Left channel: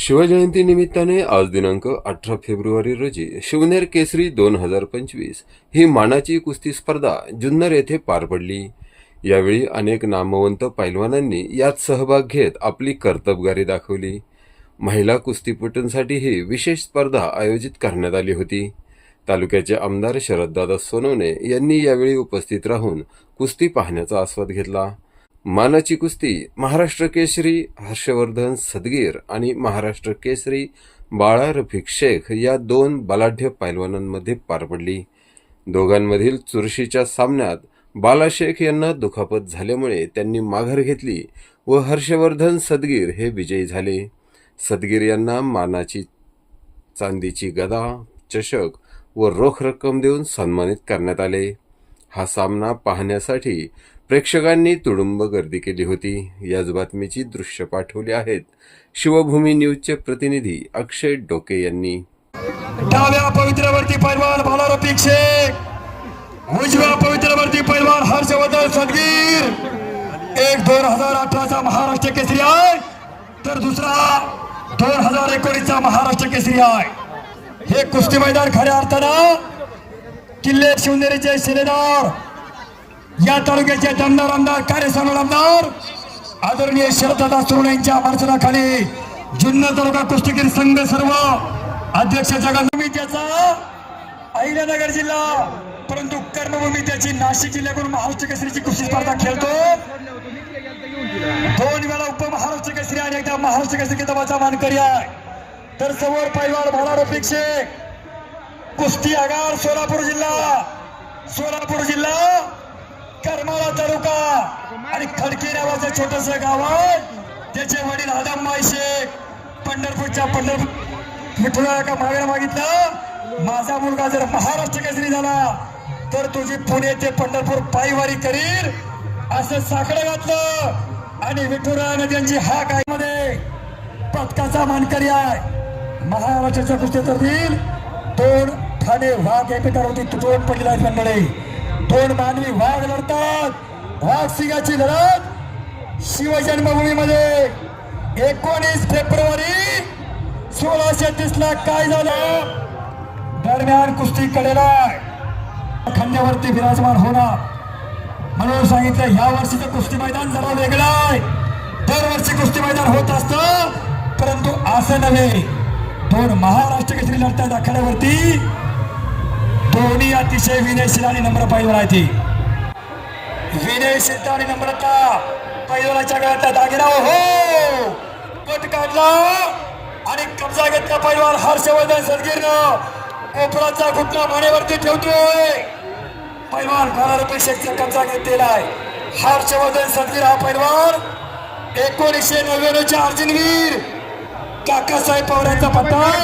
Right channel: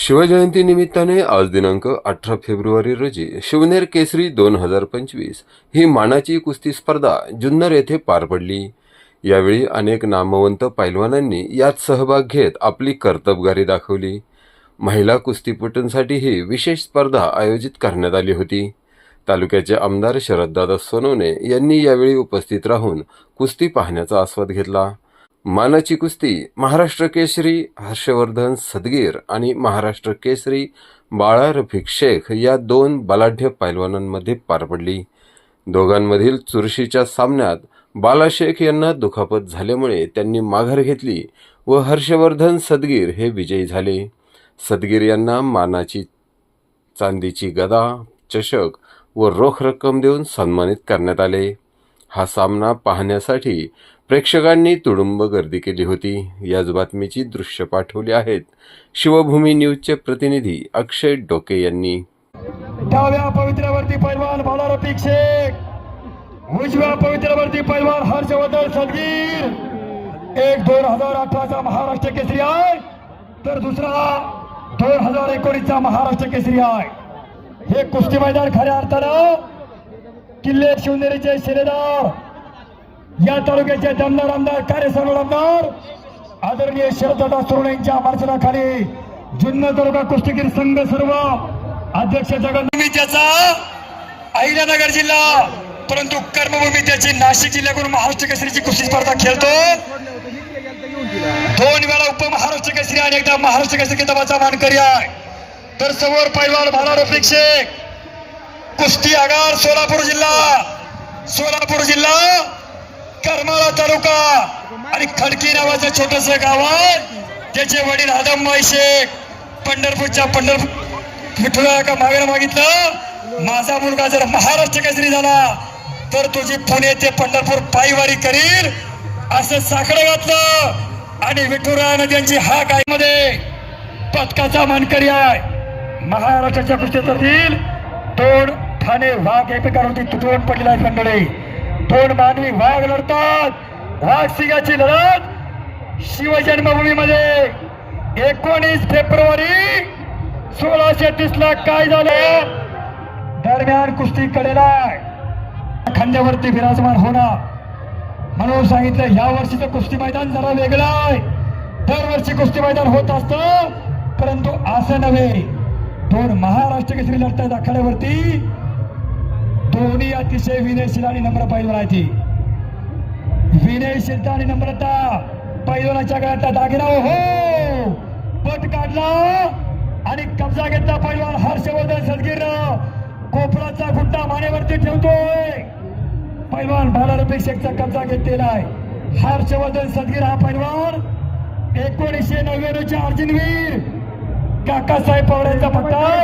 शिवजयंती निमित्ताने आज दिनांक अठरा फेब्रुवारी रोजी शिवनेर केसरी दोन हजार पंचवीस ही मानाची कुस्ती स्पर्धा जुन्नर येथे पार पडली. यावेळी अनेक नामवंत पैलवानांनी यात सहभाग घेत आपली कर्तबगारी दाखवली. महिला कुस्तीपटूंसाठीही विशेष स्पर्धा आयोजित करण्यात आली होती. तालुक्याचे आमदार शरददादा सोनवणे यांनी यावेळी उपस्थित राहून कुस्ती पाहण्याचा आस्वाद घेतला. मानाची कुस्ती महाराष्ट्र केसरी हर्षवर्धन सदगीर आणि महाराष्ट्र केसरी बाळा रफिक शेख या दोन बलाढ्य पैलवानांमध्ये पार पडली. दोघांमधील चुरशीच्या सामन्यात बाला शेख यांना दुखापत झाल्यामुळे त्यांनी माघार घेतली व हर्षवर्धन सदगीर हे विजयी झाले. सदगीर यांना मानाची चांदीची गदा चषक व रोख रक्कम देऊन सन्मानित करण्यात आले. हा सामना पाहण्यासाठी प्रेक्षकांनी तुडुंब गर्दी केली होती. याच बातमीची दृश्य पाठवली आहेत. शिवभूमी न्यूजचे प्रतिनिधी अक्षय डोके यांनी. डाव्या पवित्रवर्ती पैलवान भाला रफिक शेख उजव्या पवित्र्यावरती पैलवान हर्षवर्धन सदगीर. एक दोन हजार अठराचा महाराष्ट्र केसरी आहे. तर दुसरा दोन हजार एकोणीसचा महाराष्ट्र केसरी आहे. हे कुस्ती मैदान खऱ्या अर्थानं किल्ले शिवनेरीचे शिलेदार या तालुक्याचे दमदार आमदार कार्यसमोर आमदार आदरणीय शरददादा तरुण यांच्या मार्चनाखाली जुन्नर तालुका कुस्तीगीर संघ सर्व अध्यक्ष जगन्मी त्याचा अहिल्यानगर जिल्हा परंतु कर्मभूमी त्याची नाशिक जिल्ह्याकडून महाराष्ट्र केसरीची कुस्ती स्पर्धा खेळतो. दोन वेळा उपमहाराष्ट्र केसरी आणि एकदा महाराष्ट्र केसरी किताबाचा मानकरी आहे. तर समोर पैलवान भाला शेख कुस्ती आगार सोलापूर जिल्हा. सोलापूर जिल्हा करमाळा तालुका आणि खडकी नावाचं छोटस गाव आहे. त्याचे वडील आदमबाई शेख पंढरपूरच्या पंढरपूर विठ्ठला का मागणं मागितलं. माझा मुलगा जर महाराष्ट्र केसरी झाला तर तुझी पुणे ते पंढरपूर पायवारी करील असं साकडं घातलं. आणि विठुरायानं त्यांची हा मध्ये पदकाचा मानकरी आहे. महाराष्ट्राच्या कुस्तीतील दोन ठाणे वाघ एकमेकांवरती तुटवून पडलेला आहे मंडळी. थोड मानवी वाघ लढतात. वाघ सिंगाची लढत शिवजन्मभूमीमध्ये. एकोणीस फेब्रुवारी सोळाशे तीस ला काय झालं? दरम्यान कुस्ती कडेला. खांद्यावरती विराजमान होणार. म्हणून सांगितलं या वर्षीचं कुस्ती मैदान जरा वेगळं आहे. दरवर्षी कुस्ती मैदान होत असतं परंतु असं नव्हे. दोन महाराष्ट्र केसरी लढतात आखाड्यावरती दोन्ही अतिशय विनयशील आणि नम्र पैलवान आहे ती. विनयशीलता आणि नम्रता पैलवानाच्या गळ्यात दागिना हो! पट काढला आणि कब्जा घेतला पैलवान हर्षवर्धन सदगीरनं कोपराचा घुटना मानेवरती ठेवतोय. पैलवान बाला शेखचा कब्जा घेतलेला आहे. हर्षवर्धन सदगीर हा पैलवान एकोणीसशे नव्याण्णवच्या अर्जुनवीर काकासाहेब पवारांचा पट्टा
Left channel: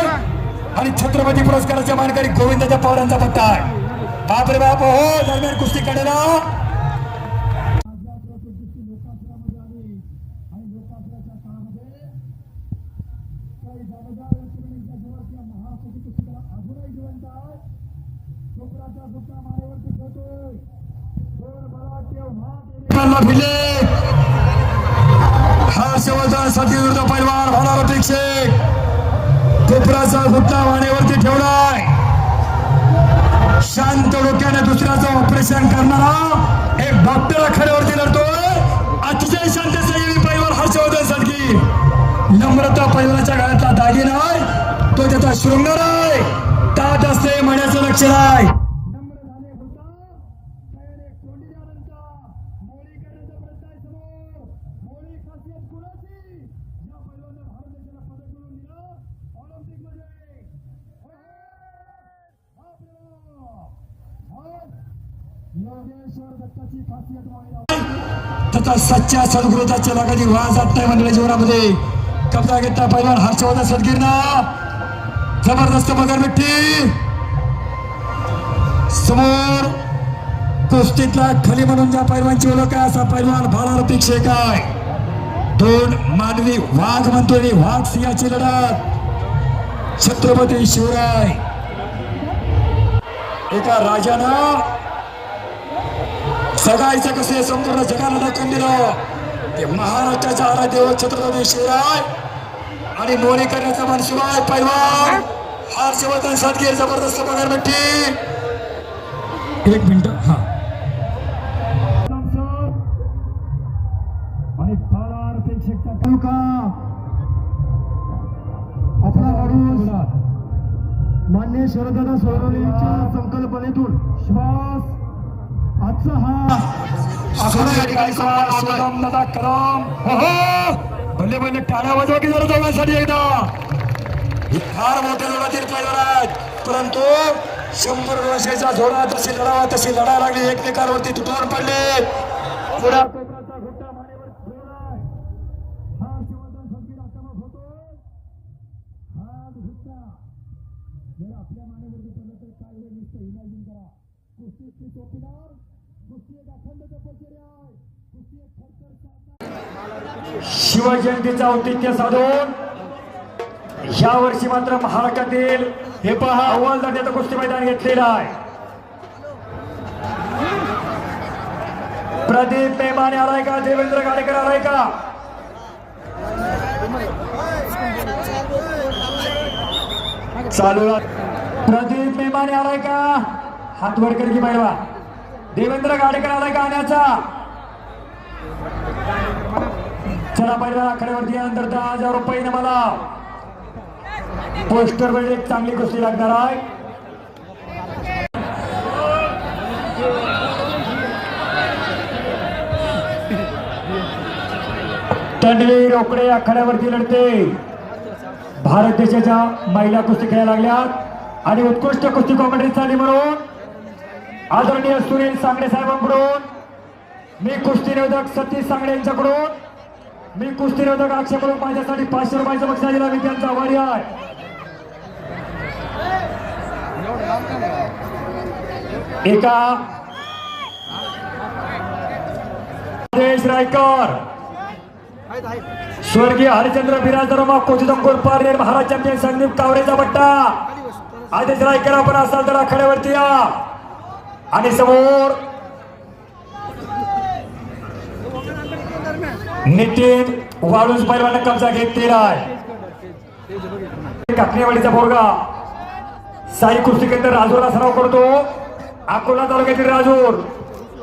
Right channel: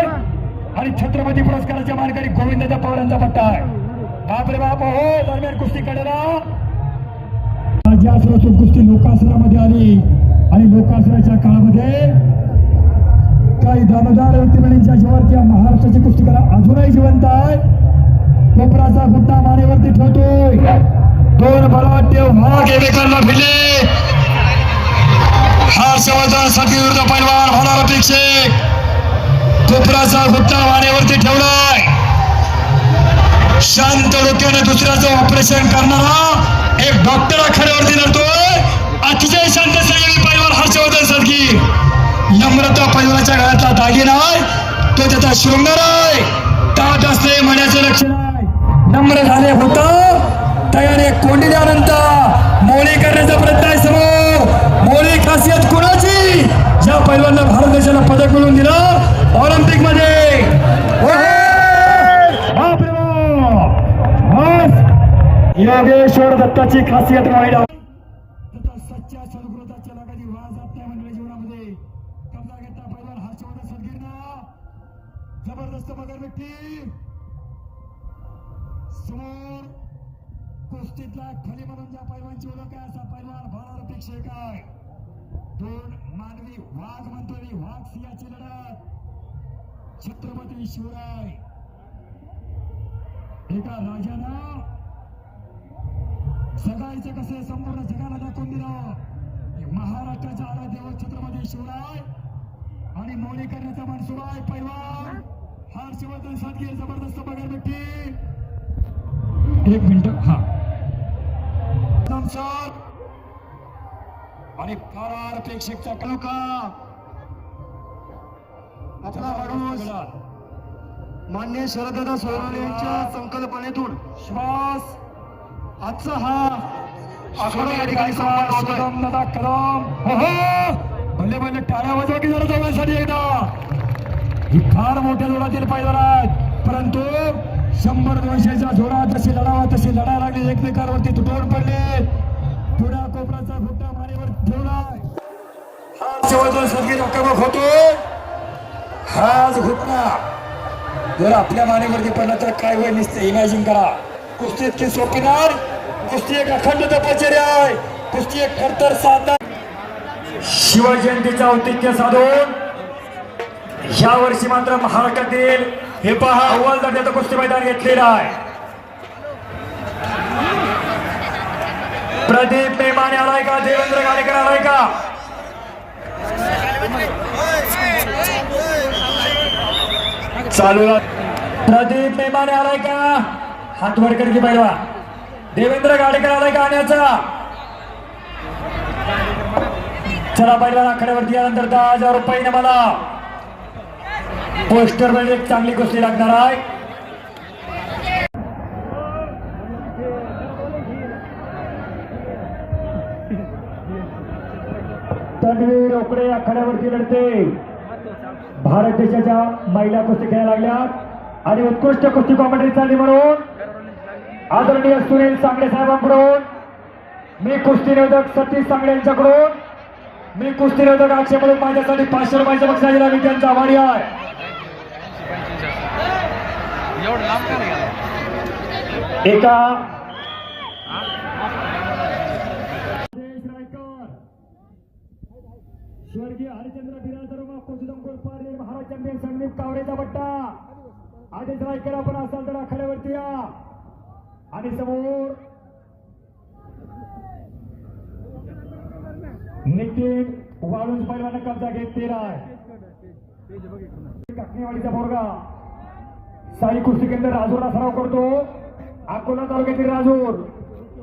आहे पुरस्काराच्या मानकरी गोविंदाच्या पवारांचा पत्ता आहे बापरे बाप हो दरम्यान कुस्ती काढायला राज्यासुरातून कुस्ती लोकासुरामध्ये आली आणि लोकासुराच्या काळामध्ये काही दामोदार व्यक्तिमत्वांच्या जीवावरती महाराष्ट्राची कुस्ती कला अजूनही जिवंत आहे. कोपराचा गुट्टा मानेवरती ठेवतोय. दोन बलवाट्य भाग एकमेकांना भिले हर्षवर्धन सती विरुद्ध पैलवान होणार अपेक्षित. कोपराचा गुट्टा डोक्याने ऑपरेशन करणारा एक डॉक्टर अखेरवरती लढतोय. अतिशय शांत संयमी परिवार हर्षवर्धन सदगी नम्रता परिवाराच्या गळ्यातला दागिना आहे. तो त्याचा शृंगार आहे. ताट असले म्हणायचं लक्ष आहे. नम्र झाले होत. तयारी कोंडी द्यानंतर बस. योगेश्वर दत्ताची खासियत वाईट तथा सच्च्या सद्गुरुताच्या लागाची वाज जात नाही मंडळी जीवनामध्ये. कब्जा घेतला पहिला हर्षवर्धन सदगिरणा जबरदस्त मगर मिठी समोर कुस्तीतला खली म्हणून ज्या पैलवानची ओळख आहे असा पैलवान भाला शेख आहे. दोन मानवी वाघ म्हणतोय मी, वाघ सिंहाची लढत. छत्रपती शिवराय. एका राजानं जगायचं कसे संपूर्ण जगाला दाखवून दिलं. ते महाराष्ट्राचा आराध्य छत्रपती शिवराय आणि मोरी करण्याचा मनशिवाय पैलवान हर्षवर्धन सातगीर जबरदस्त पगारपट्टी एक मिनिट. हा. आणि फार प्रेक्षकचा तालुका आपला अडूस मान्य शरददादा सोनवणे यांच्या टाळ्या वाजवा की जरा दोघांसाठी एकदा. ही फार मोठे जोरातील पैलवान परंतु शंभर वर्षाचा झोडा जशी लढावा तशी लढायला लागली. एकमेकांवरती तुटून पडले. पुढा कोपऱ्याचा घुट्टा मानेवर ठेवलाय. हा शेवटचा सगळी आक्रमक होतो. हाच घुटना. जर आपल्या मानेवरती पडला तर काय होईल नुसतं? इमॅजिन करा. कुस्ती इतकी सोपी कुस्ती एक अखंड तपश्चर्या आहे. कुस्ती एक खडतर साधना शिवजयंतीचा औतिथ्य साधून या वर्षी मात्र महाराष्ट्रातील हे पहा अव्वल दर्जाचं कुस्ती मैदान घेतलेलं आहे. प्रदीप पेमाने आलाय का? देवेंद्र गाडेकर आलाय का? चालू प्रदीप पेमाने आलाय का? हात वडकर की पहिला देवेंद्र गाडेकर आलाय गाण्याचा. चला पहिला आखाड्यावरती यानंतर दहा हजार रुपये मला पोस्टरमध्ये एक चांगली कुस्ती लागणार आहे. तन्वी रोकडे आखाड्यावरती लढते. भारत देशाच्या महिला कुस्ती खेळायला लागल्यात. आणि उत्कृष्ट कुस्ती कॉमेंट्री झाली म्हणून आदरणीय सुनील सांगडे साहेबांकडून मी कुस्ती निरोधक सतीश सांगडे यांच्याकडून मी कुस्ती निरोधक अक्षय म्हणून माझ्यासाठी पाचशे रुपयाच्या बक्षाची लागली त्यांचा आभारी आहे. एका रायकर. स्वर्गीय हरिचंद्र बिराजरमा कोचिदंपूर पारनेर महाराज चॅम्पियन संदीप कावरेचा बट्टा. आदेश रायकर आपण असाल तर आखाड्यावरती या. आणि समोर नितीन वाळूज पैलवान कब्जा घेतलेला आहे काकणेवाडीचा पोरगा. साई कुस्ती केंद्र राजूरला सराव करतो. अकोला तालुक्यातील राजूर.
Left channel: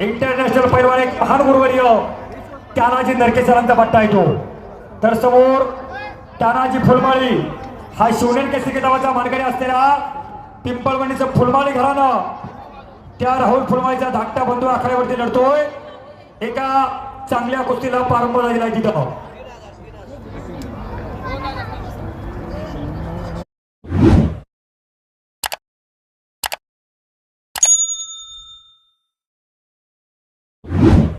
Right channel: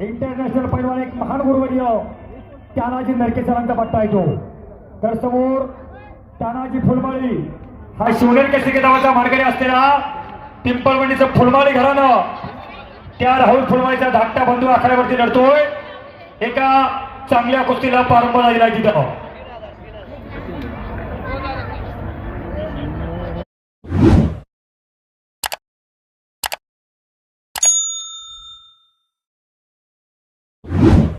इंटरनॅशनल पैलवान एक महान गुरुवर्य तानाजी नरके सरांचा पट्टा येतो तर समोर तानाजी फुलमाळी. हा शिवनेर केसरी नावाचा मार्गारी असलेला पिंपळवंडीचं फुलमाळी घराणं. त्या राहुल फुलवाईचा धाकटा बंधू आखाड्यावरती लढतोय. एका चांगल्या कुस्तीला प्रारंभ झालेला तिथं.